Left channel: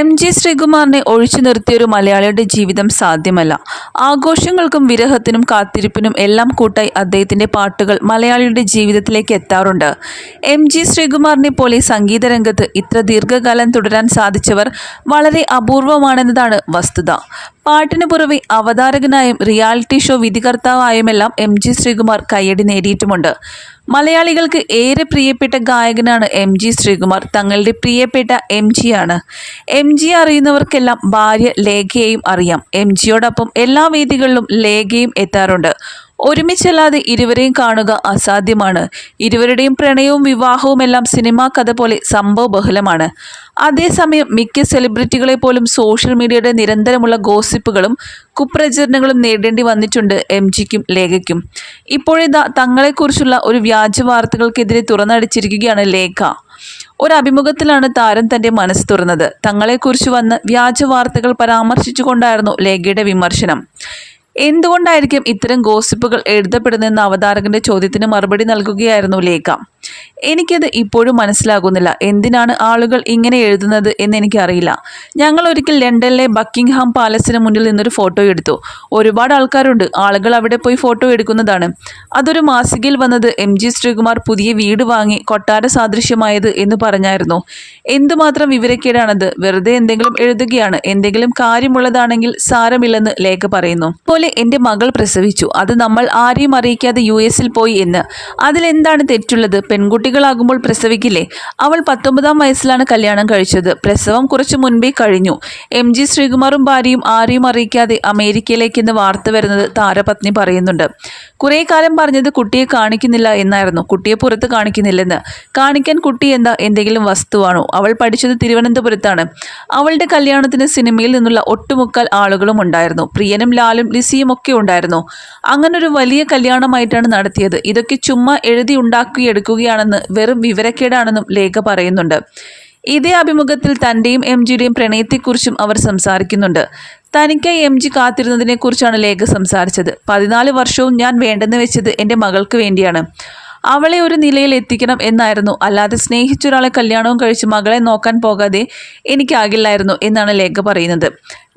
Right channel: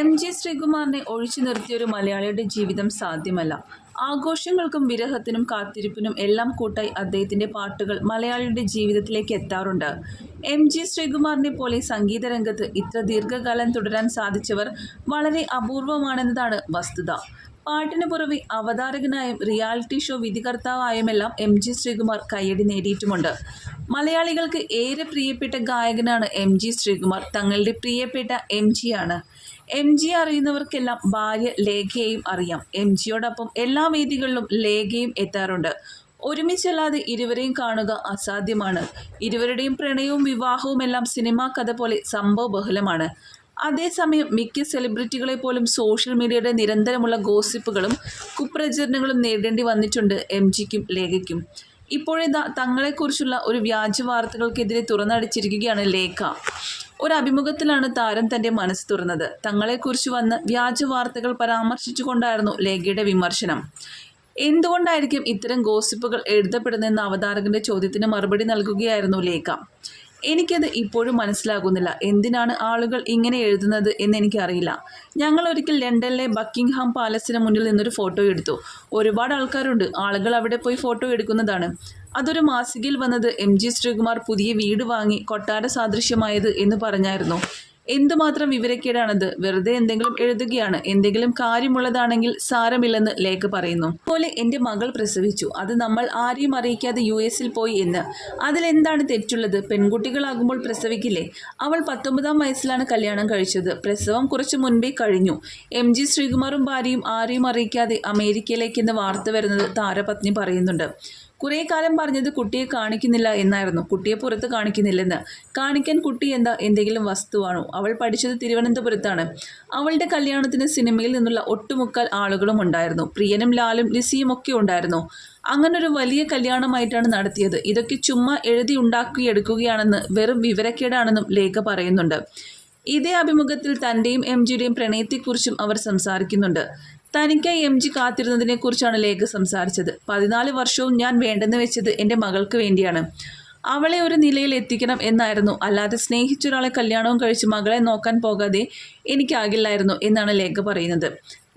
M G ശ്രീകുമാറിനെ ഒഴിച്ചു നിർത്തിയൊരു മലയാളിയുടെ ജീവിതം സാധ്യമല്ല. ആഘോഷങ്ങൾക്കും വിരഹത്തിനും കാത്തിരിപ്പിനും എല്ലാം കൂട്ടായി അദ്ദേഹത്തിന്റെ പാട്ടുകൾ മലയാളിയുടെ ജീവിതത്തിലേക്ക് എത്താറുണ്ട്. എം ജി ശ്രീകുമാറിനെ പോലെ സംഗീത രംഗത്ത് ഇത്ര ദീർഘകാലം തുടരാൻ സാധിച്ചവർ വളരെ അപൂർവമാണെന്നതാണ് വസ്തുത. പാട്ടിന് പുറമെ അവതാരകനായും റിയാലിറ്റി ഷോ വിധികർത്താവായുമെല്ലാം എം ജി ശ്രീകുമാർ കയ്യടി നേടിയിട്ടുമുണ്ട്. മലയാളികൾക്ക് ഏറെ പ്രിയപ്പെട്ട ഗായകനാണ് എം ജി ശ്രീകുമാർ. തങ്ങളുടെ പ്രിയപ്പെട്ട എം ആണ്. എം ജി അറിയുന്നവർക്കെല്ലാം ഭാര്യ ലേഖയെയും അറിയാം. എം ജിയോടൊപ്പം എല്ലാ വേദികളിലും ലേഖയും എത്താറുണ്ട്. ഒരുമിച്ചല്ലാതെ ഇരുവരെയും കാണുക അസാധ്യമാണ്. ഇരുവരുടെയും പ്രണയവും വിവാഹവും എല്ലാം സിനിമാ കഥ പോലെ സംഭവ ബഹുലമാണ് അതേസമയം മിക്ക സെലിബ്രിറ്റികളെ പോലും സോഷ്യൽ മീഡിയയുടെ നിരന്തരമുള്ള ഗോസിപ്പുകളും കുപ്രചരണങ്ങളും നേരിടേണ്ടി വന്നിട്ടുണ്ട് എം ജിക്കും ലേഖയ്ക്കും. ഇപ്പോഴിതാ തങ്ങളെക്കുറിച്ചുള്ള ഒരു വ്യാജ വാർത്തകൾക്കെതിരെ തുറന്നടിച്ചിരിക്കുകയാണ് ലേഖ. ഒരു അഭിമുഖത്തിലാണ് താരം തന്റെ മനസ്സ് തുറന്നത്. തങ്ങളെക്കുറിച്ച് വന്ന് വ്യാജ വാർത്തകൾ പരാമർശിച്ചുകൊണ്ടായിരുന്നു ലേഖയുടെ വിമർശനം. എന്തുകൊണ്ടായിരിക്കും ഇത്തരം ഗോസിപ്പുകൾ എഴുതപ്പെടുന്നതെന്ന അവതാരകന്റെ ചോദ്യത്തിന് മറുപടി നൽകുകയായിരുന്നു ലേഖ? എനിക്കത് ഇപ്പോഴും മനസ്സിലാകുന്നില്ല. എന്തിനാണ് ആളുകൾ ഇങ്ങനെ എഴുതുന്നത് എന്ന് എനിക്കറിയില്ല. ഞങ്ങൾ ഒരിക്കൽ ലണ്ടനിലെ ബക്കിംഗ്ഹാം പാലസിന് മുന്നിൽ നിന്നൊരു ഫോട്ടോ എടുത്തു. ഒരുപാട് ആൾക്കാരുണ്ട്. ആളുകൾ അവിടെ പോയി ഫോട്ടോ എടുക്കുന്നതാണ്. അതൊരു മാസികയിൽ വന്നത് എം ജി ശ്രീകുമാർ പുതിയ വീട് വാങ്ങി കൊട്ടാര സാദൃശ്യമായത് എന്ന് പറഞ്ഞായിരുന്നു. എന്തുമാത്രം വിവരക്കേടാണത്? വെറുതെ എന്തെങ്കിലും എഴുതുകയാണ്. എന്തെങ്കിലും കാര്യമുള്ളതാണെങ്കിൽ സാരമില്ലെന്ന് ലേഖ പറയുന്നു. പോലെ എന്റെ മകൾ പ്രസവിച്ചു. അത് നമ്മൾ ആരെയും അറിയിക്കാതെ യു എസിൽ പോയി എന്ന്. അതിലെന്താണ് തെറ്റുള്ളത്? പെൺകുട്ടികളാകുമ്പോൾ പ്രസവിക്കില്ലേ? അവൾ പത്തൊമ്പതാം വയസ്സിലാണ് കല്യാണം കഴിച്ചത്. പ്രസവം കുറച്ച് മുൻപേ കഴിഞ്ഞു. എം ജി ശ്രീകുമാറും ഭാര്യയും ആരെയും അറിയിക്കാതെ അമേരിക്കയിലേക്കെന്ന് വാർത്ത വരുന്നത് താരപത്നി പറയുന്നുണ്ട്. കുറേ കാലം പറഞ്ഞത് കുട്ടിയെ കാണിക്കുന്നില്ല എന്നായിരുന്നു. കുട്ടിയെ പുറത്ത് കാണിക്കുന്നില്ലെന്ന്. കാണിക്കാൻ കുട്ടി എന്താ എന്തെങ്കിലും വസ്തുവാണോ? അവൾ പഠിച്ചത് തിരുവനന്തപുരത്താണ്. അവളുടെ കല്യാണത്തിന് സിനിമയിൽ നിന്നുള്ള ഒട്ടുമുക്കാൽ ആളുകളും ഉണ്ടായിരുന്നു. പ്രിയനും ലാലും ലിസിയും ഒക്കെ ഉണ്ടായിരുന്നു. അങ്ങനൊരു വലിയ കല്യാണമായിട്ടാണ് നടത്തിയത്. ഇതൊക്കെ ചുമ്മാ എഴുതി ഉണ്ടാക്കിയെടുക്കുകയാണെന്ന് വെറും വിവരക്കേടാണെന്നും ലേഖ പറയുന്നുണ്ട്. ഇതേ അഭിമുഖത്തിൽ തന്റെയും എം ജിയുടെയും പ്രണയത്തെക്കുറിച്ചും അവർ സംസാരിക്കുന്നുണ്ട്. തനിക്കായി എം ജി കാത്തിരുന്നതിനെക്കുറിച്ചാണ് ലേഖ സംസാരിച്ചത്. പതിനാല് വർഷവും ഞാൻ വേണ്ടെന്ന് വെച്ചത് എന്റെ മകൾക്ക് വേണ്ടിയാണ്. അവളെ ഒരു നിലയിൽ എത്തിക്കണം എന്നായിരുന്നു. അല്ലാതെ സ്നേഹിച്ചൊരാളെ കല്യാണവും കഴിച്ച് മകളെ നോക്കാൻ പോകാതെ എനിക്കാകില്ലായിരുന്നു എന്നാണ് ലേഖ പറയുന്നത്.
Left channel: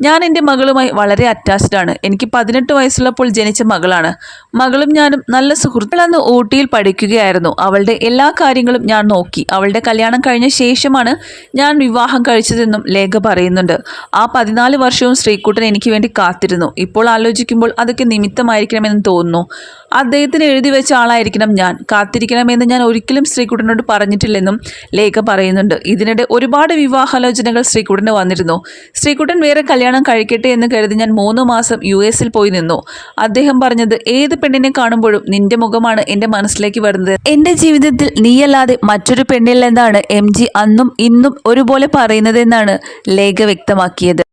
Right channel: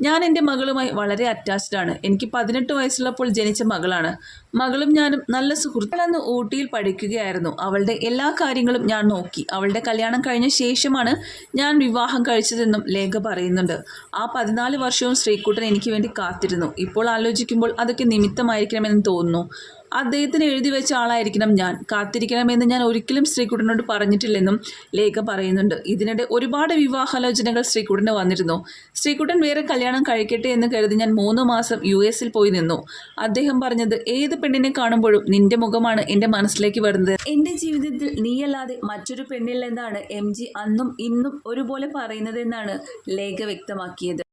ഞാൻ എന്റെ മകളുമായി വളരെ അറ്റാച്ച്ഡ് ആണ്. എനിക്ക് പതിനെട്ട് വയസ്സുള്ളപ്പോൾ ജനിച്ച മകളാണ്. മകളും ഞാനും നല്ല സുഹൃത്തുക്കളന്ന് ഊട്ടിയിൽ പഠിക്കുകയായിരുന്നു. അവളുടെ എല്ലാ കാര്യങ്ങളും ഞാൻ നോക്കി. അവളുടെ കല്യാണം കഴിഞ്ഞ ശേഷമാണ് ഞാൻ വിവാഹം കഴിച്ചതെന്നും ലേഖ പറയുന്നുണ്ട്. ആ പതിനാല് വർഷവും ശ്രീകുട്ടൻ എനിക്ക് വേണ്ടി കാത്തിരുന്നു. ഇപ്പോൾ ആലോചിക്കുമ്പോൾ അതൊക്കെ നിമിത്തമായിരിക്കണമെന്ന് തോന്നുന്നു. അദ്ദേഹത്തിന് എഴുതി വെച്ച ആളായിരിക്കണം ഞാൻ. കാത്തിരിക്കണമെന്ന് ഞാൻ ഒരിക്കലും ശ്രീകുട്ടനോട് പറഞ്ഞിട്ടില്ലെന്നും ലേഖ പറയുന്നുണ്ട്. ഇതിനിടെ ഒരുപാട് വിവാഹാലോചനകൾ ശ്രീകുട്ടന് വന്നിരുന്നു. ശ്രീകുട്ടൻ വേറെ കല്യാണം കഴിക്കട്ടെ എന്ന് കരുതി ഞാൻ മൂന്ന് മാസം യു എസിൽ പോയി നിന്നു. അദ്ദേഹം പറഞ്ഞത് ഏത് പെണ്ണിനെ കാണുമ്പോഴും നിന്റെ മുഖമാണ് എന്റെ മനസ്സിലേക്ക് വരുന്നത്. എന്റെ ജീവിതത്തിൽ നീയല്ലാതെ മറ്റൊരു പെണ്ണില്ലെന്നാണ് എം ജി അന്നും ഇന്നും ഒരുപോലെ പറയുന്നതെന്നാണ് ലേഖ വ്യക്തമാക്കിയത്.